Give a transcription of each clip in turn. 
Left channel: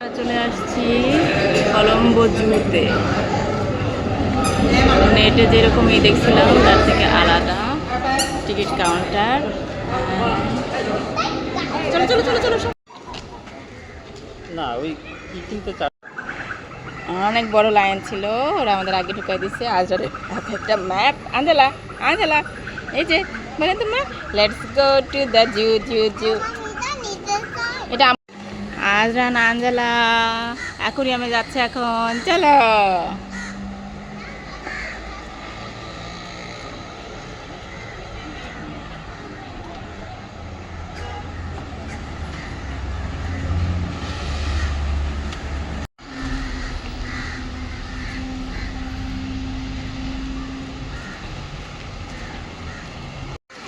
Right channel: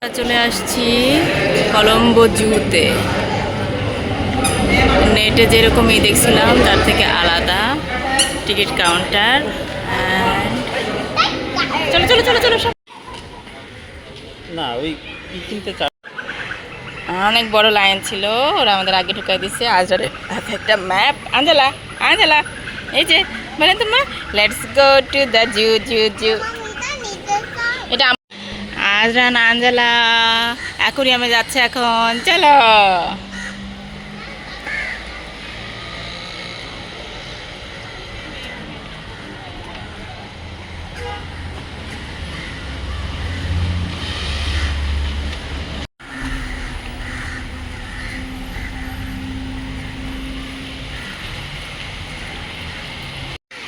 চলে আসছি কলম্বো জুতে। নেটে যেরকমই দেখছিলাম তার থেকে আলাদা টিকিট কাউন্টার। চলো চলো চলো চলো না ওই কিনতে চাই। অনেক বড় লাইন ছিল, ওরা আমাদের আগে ঢুকাই দিচ্ছে। আজরে একটা ম্যাপ। আঞ্জেলা আঞ্জেলা এই যে বলেন তো মা, let's go to the zoo zoo zoo. এটা আজরান আঞ্জেলা অ্যাকুরিয়ামে যাচ্ছে এখন, চলো।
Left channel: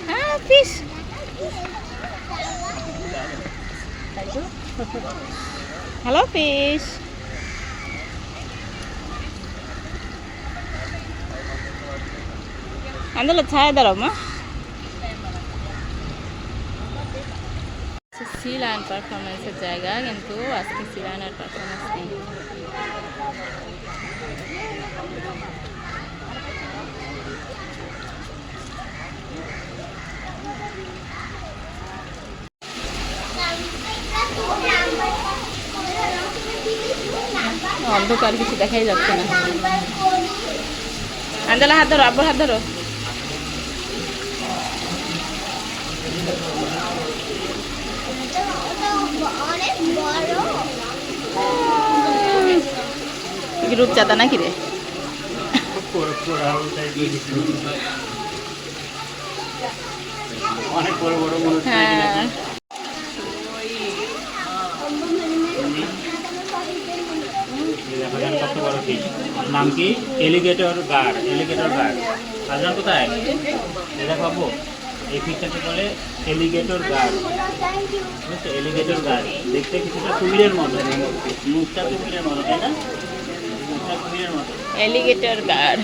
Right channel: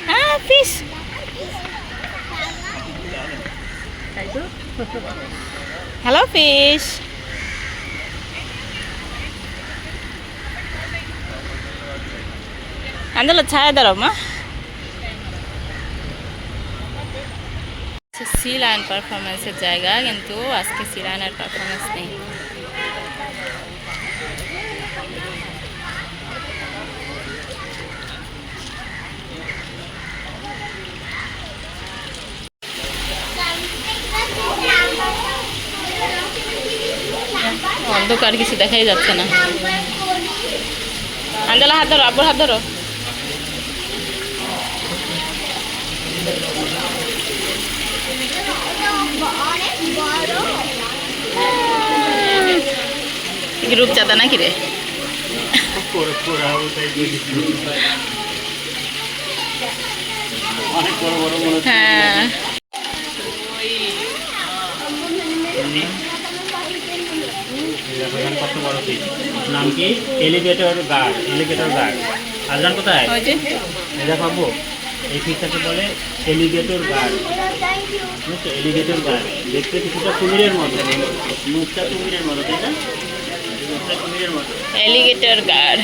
হ্যাঁ, ফিশ। Hello fish. আঞ্জেলা ছায়া দাঁড়াও মা। সি লায়ন পারফরমেন্সের জায়গা, কিন্তু আজকে সি লায়নের পারফরমেন্স নেই। অন্ধকার, কিছু দেখাই যাচ্ছে না। আঞ্জেলা হাত ধরো, আব্বুর হাত ধরো। রূপচাঁদা নাকি রে? হ্যাঁ, কত বড় ফিশ। নাম কি? Alligator gar. Alligator gar. আজান কোথায়? এটা পাবো। এই ফিশটাকে বলে এলিগেটর গার্ড। বুঝছো? এলিগেটর গার্ড দেখতে কিছুটা কুমিরের মতো, মুখটা কুমিরের মতো, তাই না? মুখটা কুমিরের মতো। Alligator guard.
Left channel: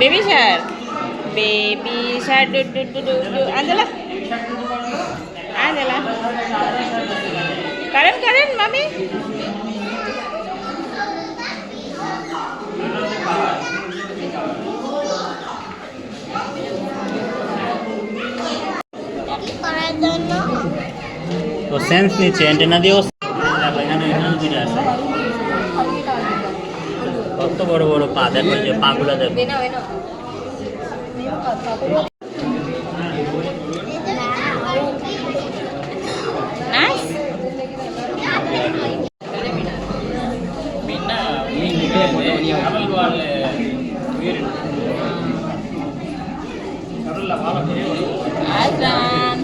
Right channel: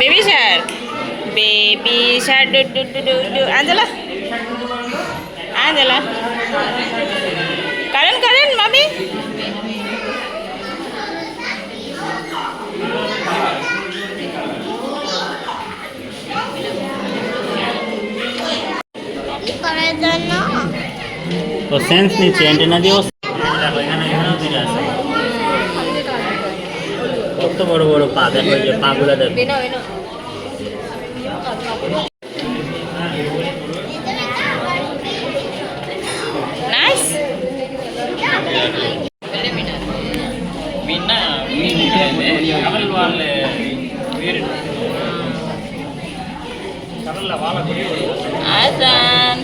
Baby shark, baby shark. Doo doo doo doo doo. Angela Angela Karen Karen মামি। তো সেন্স নিচ্ছে অ্যান্টেনা দিয়েও। কত বড় বড় পা দেখো, এই যে পাগুলা দেখো। নাইস। আজান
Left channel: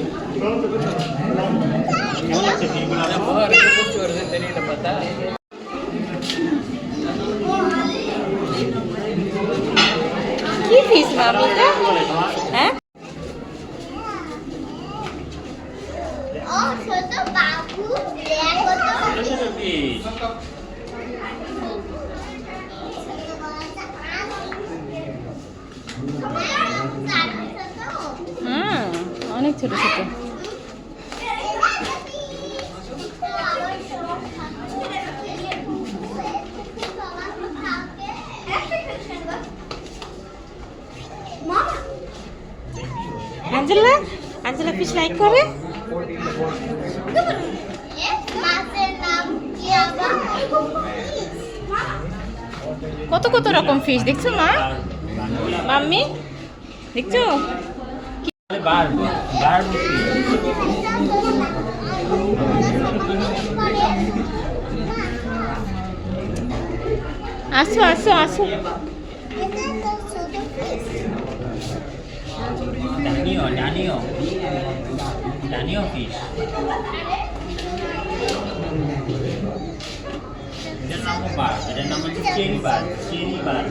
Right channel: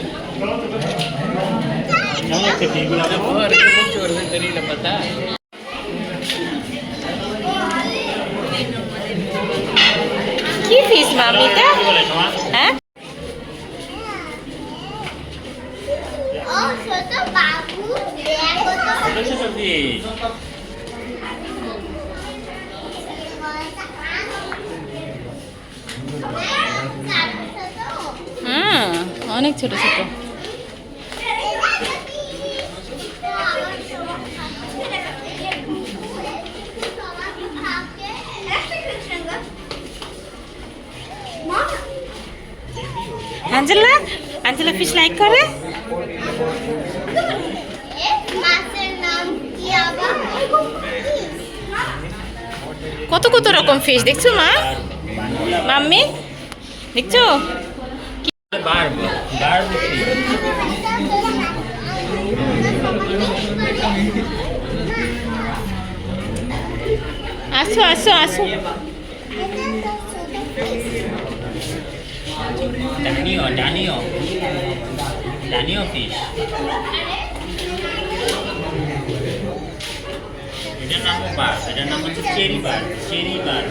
কি ফিস মামিটা? হ্যাঁ, হ্যাঁ অনেক ছোট ছোট। আঞ্জেলা আঞ্জেলা ফিশ লাইক করে। কত কত রকম ফিশ দেখছো মা, মাম্মি দেখছো? আসো আসো আসো। ডানিও ফিশ। এটার নাম বার, এটার নাম হচ্ছে চেরি বার। চেরি বার।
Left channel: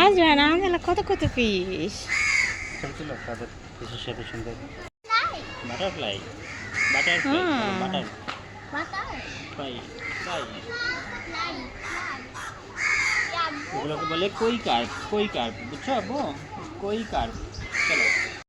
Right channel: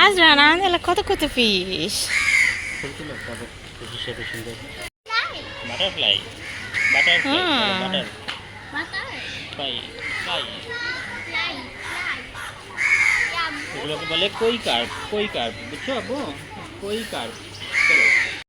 আজ রানা আঞ্জেলা কত কত ফিশ। বাটারফ্লাই। বাটারফ্লাই। তাই তাই এগুলোকে বলে কই কার্প বুঝছো আব্বু? কই কার্প। চলো